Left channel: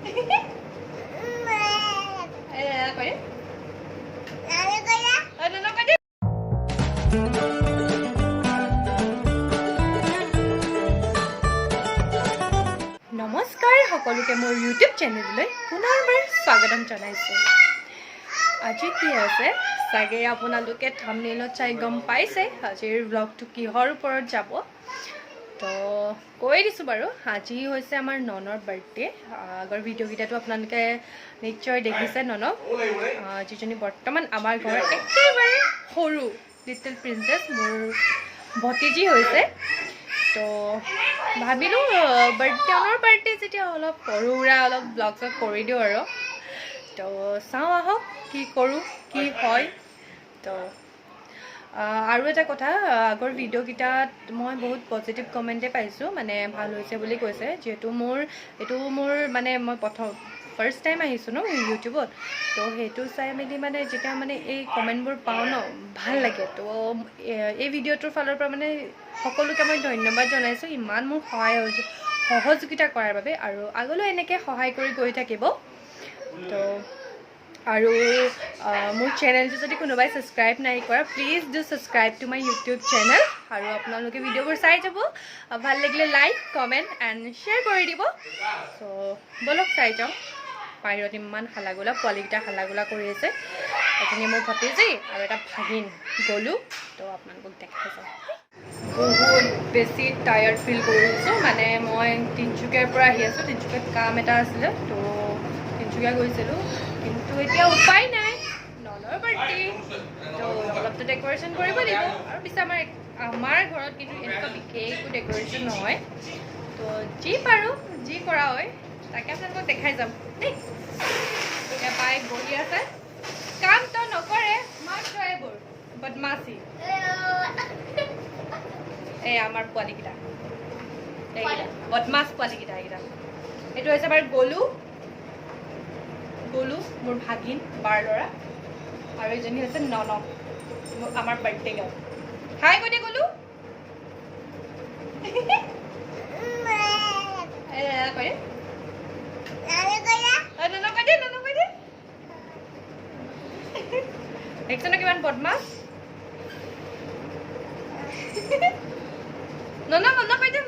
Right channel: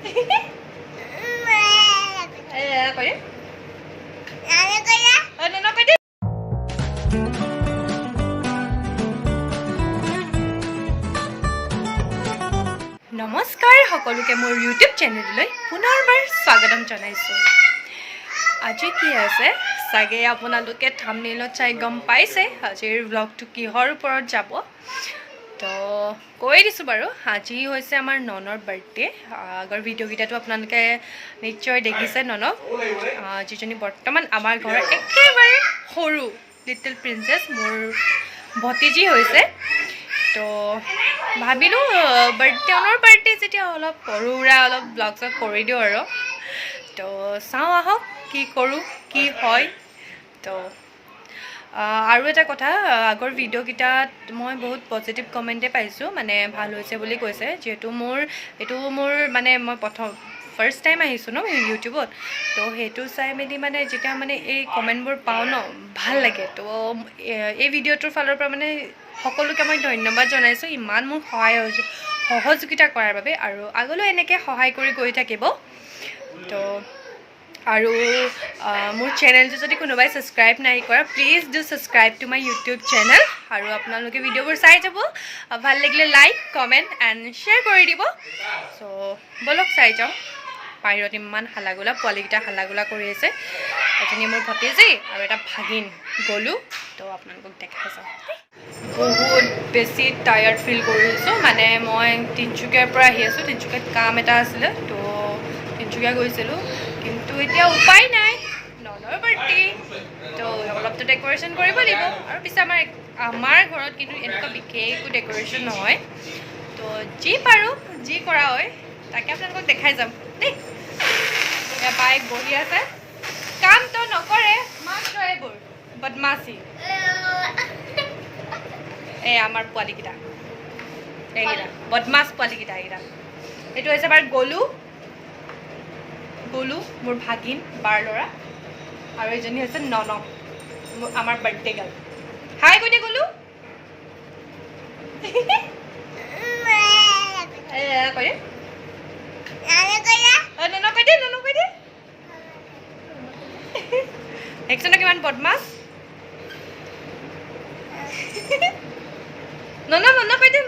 নমস্কাৰ সকলোকে মোৰ ইউটিউব চেনেললৈ পুনৰবাৰ স্বাগতম জনাইছোঁ। আজি কি আছে চাগে আপোনালোকে থাম্বনেইলত চাই গম পাইছে আজিৰ ব্লগটো কিহৰ ওপৰত যাব। তো কৈ দিছোঁ বাৰু, আজি হৈছে আমাৰ ননৰ বাৰ্থডে। আগৰ ভিডিঅ'কেইটাতো আপোনালোকে নিশ্চয় দেখিছে ননক, যিজনী বৰ্তমান আমাৰ ঘৰৰ একেবাৰে সৰু লিটল প্ৰিন্সেছ, মোৰ ভতিজী হৈছে। তো ভাবিলোঁ ননৰ বাৰ্থডে যেতিয়া অলপ সৰু সুৰা অলপ ব্লগ চগ কৰি দিওঁ আৰু। তো চাওঁ আহক কি কৰোঁ কি হয়। তো আৰু এটা কথা, আগৰ ভিডিঅ'কেইটাত মই বহুত পজিটিভ কমেণ্টে পাইছোঁ, মানে ভাল হৈছে বুলি কৈছে। যিহেতু এইটো মোৰ মানে মই ফাৰ্ষ্ট টাইম আহিছোঁ ন ইউটিউবত, তো সেইটো চাই মেলি মানে যেতিয়া মানে এই কমেণ্টবোৰ পাওঁ ন ভাল লাগে। তো এই ভিডিঅ'টোৰ ফালৰ পৰা মানে সকলোকে মই ধন্যবাদ জনাইছোঁ ইমান মোৰ সহযোগিতা কৰাৰ বাবে, আৰু আগলৈ এনেকৈ সহায় কৰি গৈ থাকিব। তো আৰু মোৰ চেনেলটো যদি কোনোবাই ছাবস্ক্ৰাইব নাই কৰা, please do subscribe to my YouTube channel. আৰু আপোনালোকে ভিডিঅ'বোৰ চাই যাব, ভাল লাগিলে লাইক কমেণ্ট এণ্ড শ্বেয়াৰ কৰি দিব। চ' ব'লক চাই যাওঁ। বাহিৰত ইমান হাল্লাগোলা, পোৱালীকেইটা হাল্লাগোলা কৰি আছে। এজনী মোৰ ভতিজী আৰু এটা ভাগিন গ'লোঁ। তো আপোনালোকক দেখাই যাওঁ। বহুত বেছি টায়াৰ্ড ফিল কৰিছোঁ, মানে মই তিনিচুকীয়াৰ পৰা আহি আছোঁ। তিনিচুকীয়াত কাম এটা আছিলে, তো তিনিচুকীয়া গৈছিলোঁ, কিন্তু এতিয়া উপায় নাই, ননৰ বাৰ্থডে। তো অলপতো ডেক'ৰেশ্যন কৰিব লাগিব। আৰু পিছে আমাৰ ঘৰত কিন্তু এনেকুৱা বিশেষ একো ডেক'ৰেশ্যন নহয়। তো যি পাৰোঁ যি কৰা হয় তাকে আপোনালোকক দেখাই যাম দেই। এতিয়া বাইক বহি আছে, কামটো নকৰে, মাত্ৰ এইবোৰ বদমাচি। এই আমাৰ পোৱালীকেইটা, এইকেইটা বদমাছ পোৱালীকেইটা। এইটো হৈছে আমাৰ গলু, মোৰ ভাগিন বাৰ ল'ৰা, আৰু এইজনী হৈছে ননক, আমাৰ বাৰ্থডে গাৰ্ল। হাই কৈ দে গলু। দেখিছ ন কিমান বদমাছ। নন কৈ দে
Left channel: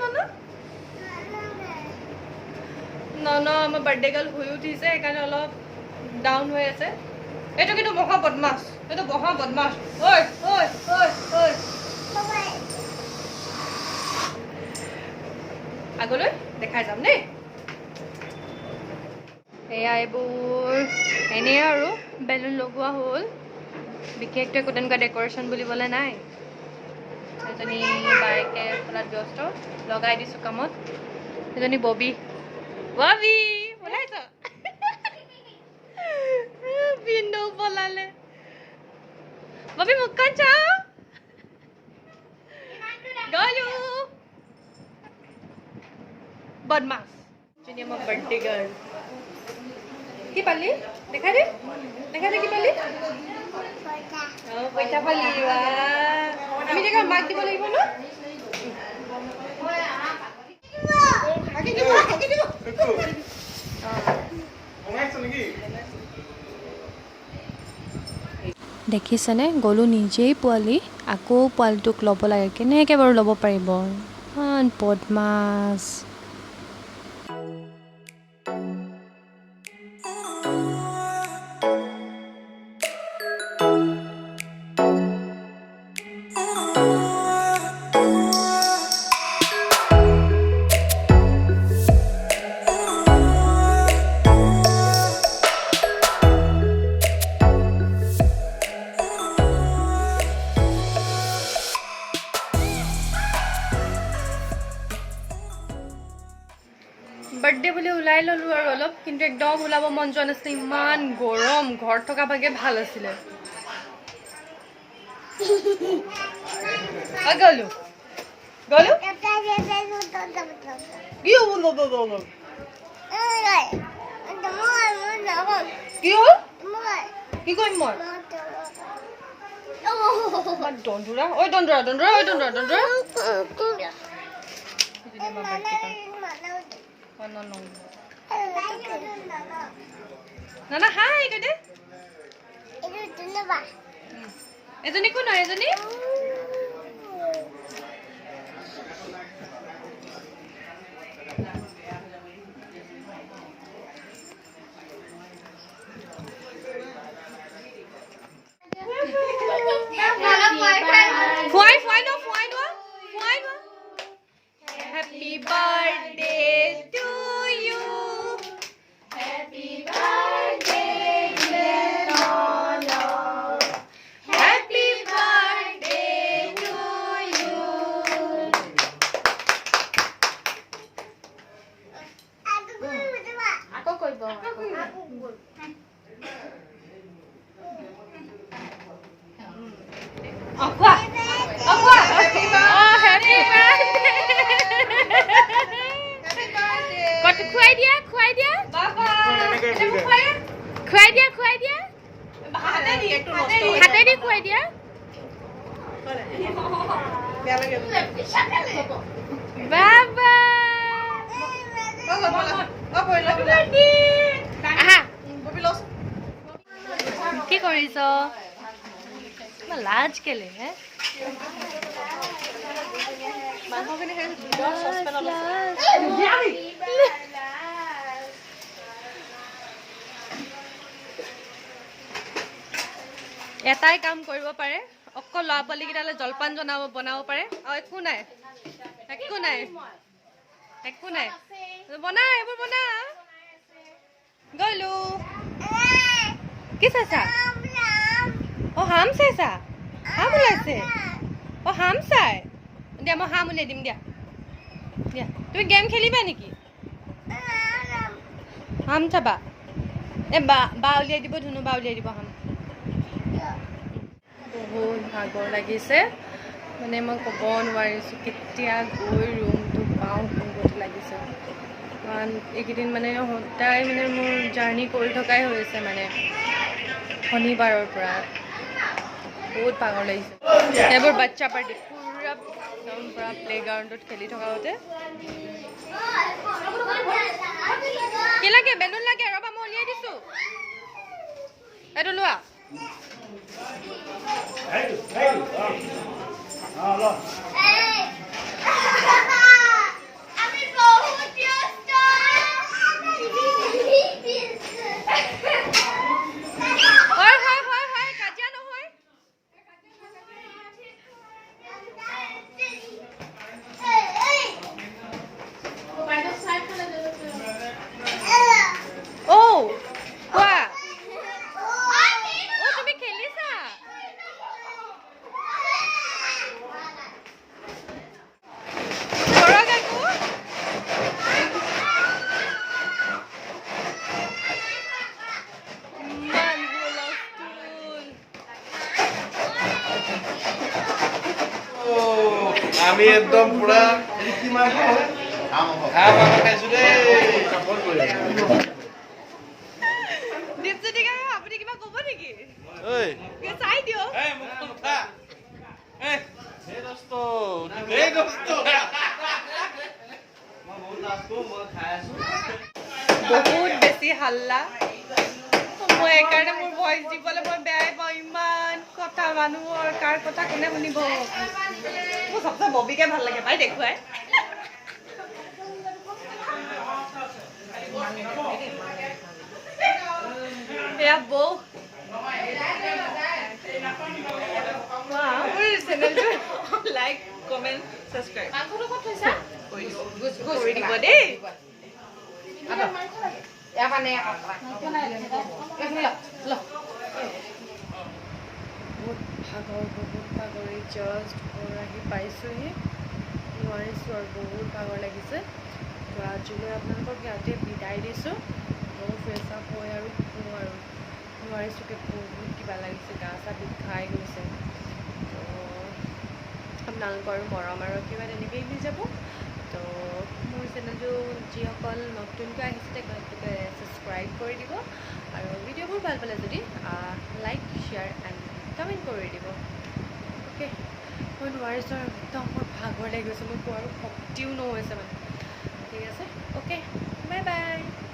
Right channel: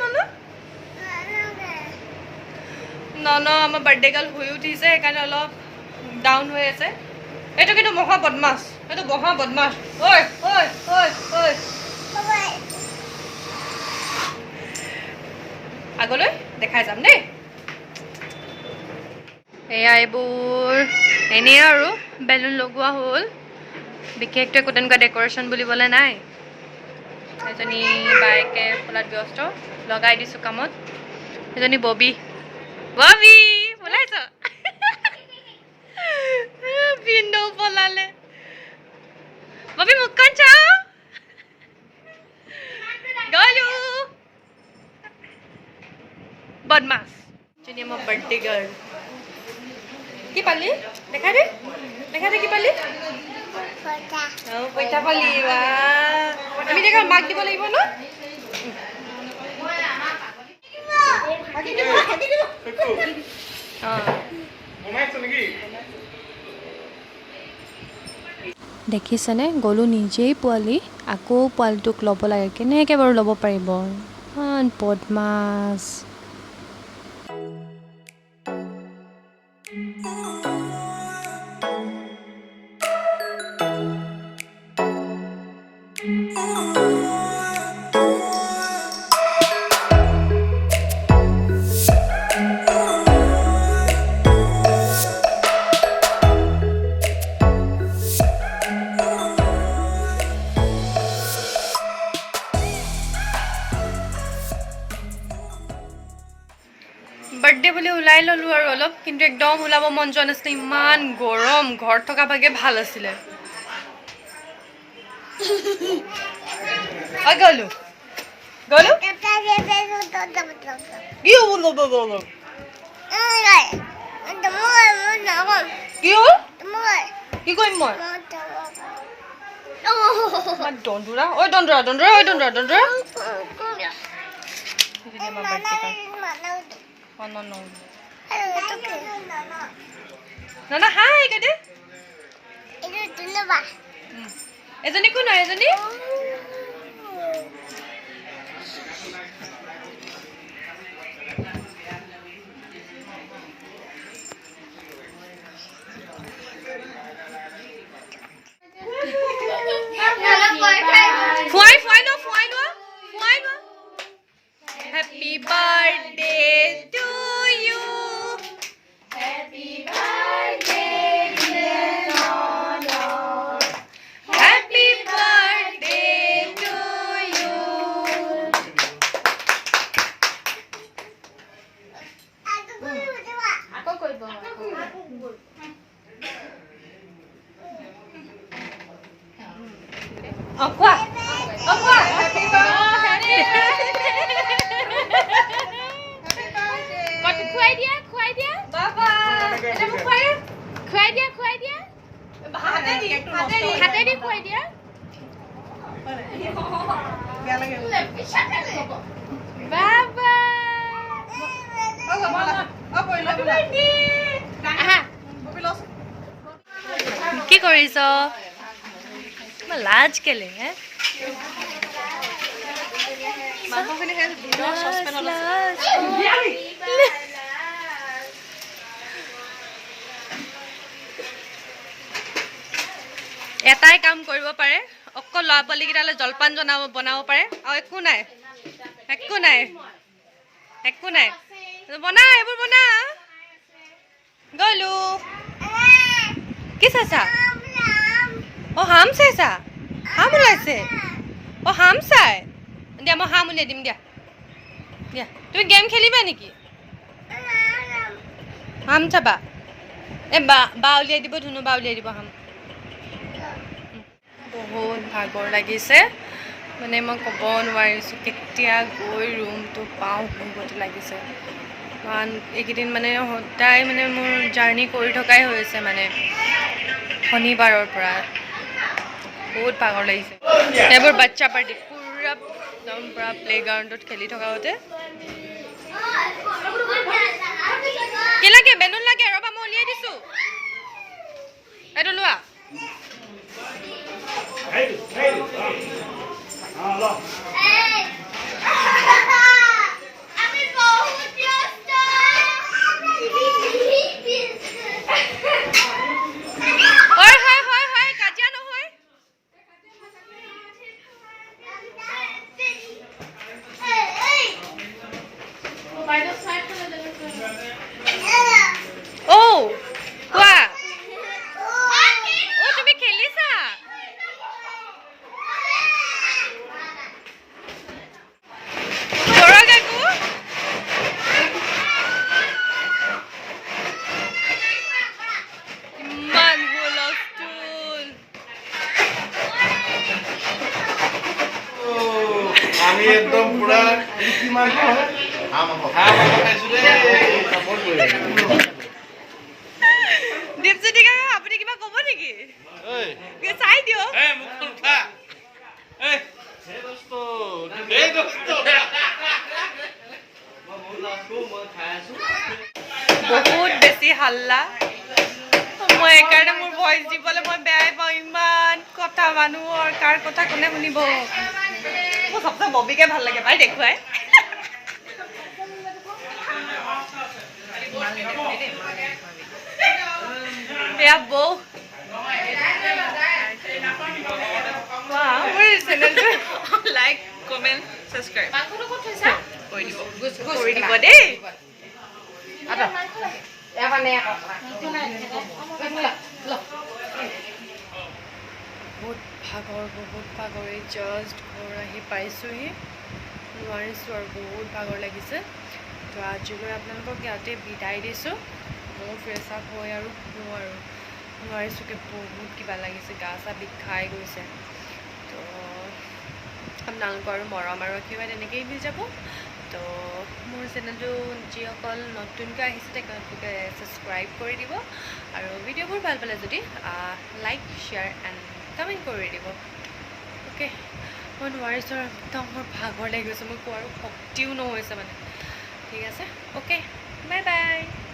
নন আমাৰ বাৰ্থডে গাৰ্ল শুই উঠিছে, সেইকাৰণে অলপ ডাউন হৈ আছে। এইটো কিন্তু মহা বদমাছ, এইটো মহা বদমাছ। ঐ ঐ ঐ ঐ আগলৈ দেখাই যাম দেই। এয়া এইবোৰ এনেই আৰু বেলুন লগোৱা হ'ল, বিশেষটো একো তেনেকুৱা ডেক'ৰেশ্যন বুলিবলৈ নাই। এজনী বায়েকে ফুলাত ব্যস্ত, লগাই দিছোঁ কামত। এজনী ববি পলাইছ। ভিনদেউ পলালে। ববি মুখখন চাওঁ। গলু বদমাছ, এজনী আমাৰ বাৰ্থডে গাৰ্ল। কি পালি দেখাই দে কি পালি। পইচা পালি বা, আমি দেখা মাক দিব লাগিব ন। দেখিছেনে, গ'লো নিজেই পোৱালি, আকৌ পোৱালিটোক ল'ব লাগে। কেনেকৈ বাৰু ল'ব পাৰিব, ইমান বদমাছ। বাৰ্থডে বুলি ওলাই ল'লোঁ আৰু অলপ, কিন্তু একদম ওলাব মন যোৱা নাছিলে, ইমান গৰম। ঘৰত থকা ভাগে ভাল আছিলে। গ'লো গ'লো কি হ'ল, কি কৰিম মই। দন্দুৰা ঐ দন্দুৰা দন্দুৰা ঐ দন্দুৰা দন্দুৰা। Nana, hi, Kade. Eজনী কোন হয় এজনী? ফুৱাই লো Happy birthday to you. Happy birthday dear Nono'r. Happy birthday to you. Ako koibo. Aqua. Happy birthday. খুৱাই দিয়া বাবা খুৱাই দিয়া হাতেদি খুৱাই দিয়া বাবা কি কৰিছ লাজ কেলে হে মাংসখিনি চচপেনত এটাই কাম কৰিব পাৰে অকল ল'ৰা পোৱালিকেইটালৈ জলপান বনাব পাৰে আৰু একো নাই বনা এইবোৰ বনা গলো কি চাইছা অ হাম চাইছা হাম ওলাইছে অ হাম চাই দিয়া মই হাম উলিয়াই দিম দিয়া তুমি গেম খেলিবা নেকি হাম চাবা বা উলিয়াই দিব ধুনু বা উলিয়াই দিব হাম বহুত ভাগৰ লাগিছে মানে মই ক'ব নোৱাৰিছোঁ কেতিয়া গৈ ৰুমটো পাওঁ কোনগতে লাগিছে কাৰণ এইকেইদিন মানে সদায় মানে মোৰ জাৰ্ণি কৰি থকাই হৈছে মানে শনিবাৰৰ পৰা বহুত ভাগৰ লাগিছে এইবোৰ বাচ্চা পাৰ্টি পুৰা একদম পুৰা প্লেগ্ৰাউণ্ডত খেলি থকাতে কি লাগে বেলুন লাগে ৰ'বা মই উলিয়াই দিছোঁ এইটো লোৱা কাজিয়া নহয় কোৱা তুমি খেলিছা আমি একদম পুরা কিমান আপুনি কিবা ক'ব নেকি চাই দিয়ক বহুত বেছি হাল্লা মই এইকাৰণে মোৰ ভইচ দিবলৈ মই বেয়াই পাওঁ ইমান কথা মানুহৰ কাৰ কথা কোনে শুনিব মোৰ সবচে ববিকে ভাল লাগে পাই দেখুৱাই এয়া বৌ লাইক কমেন্ট সাবস্ক্ৰাইব কৰি দিব দেই বহুত ভাগৰ জাষ্ট ঘৰ আহি পাইছোঁহি নোৱাৰিছোঁ আৰু বহুত ভাগৰ লাগিছে তো আজিলৈ আপোনালোকক ইয়াতে বিদায় দিছোঁ মোৰ ফ্ৰেছ আপ হৈ আৰু শুওঁ আৰু নোৱাৰিছোঁকৈ বহুত কিবা লাগিছে গা চা বিষাই গৈছে তো আপোনালোকৰ মৰম আৰু আশীৰ্বাদ এনেকৈয়ে মিলি যাব তো মোৰ চেনেলটো যিসকল নতুনকৈ আহিছে তেওঁলোকে ছাবস্ক্ৰাইব কৰি দিব আৰু ভিডিঅ'বোৰ ভাল পালে যদি লাইক শ্বেয়াৰ এণ্ড কমেণ্ট কৰি দিব অ'কে মই নোৱাৰিছোঁ আৰু একদম মোৰ ভাগৰ লাগি গৈছে মোৰ কোৱাৰ শক্তিও নহৈছে মানে ঠিক আছে অ'কে বাই বাই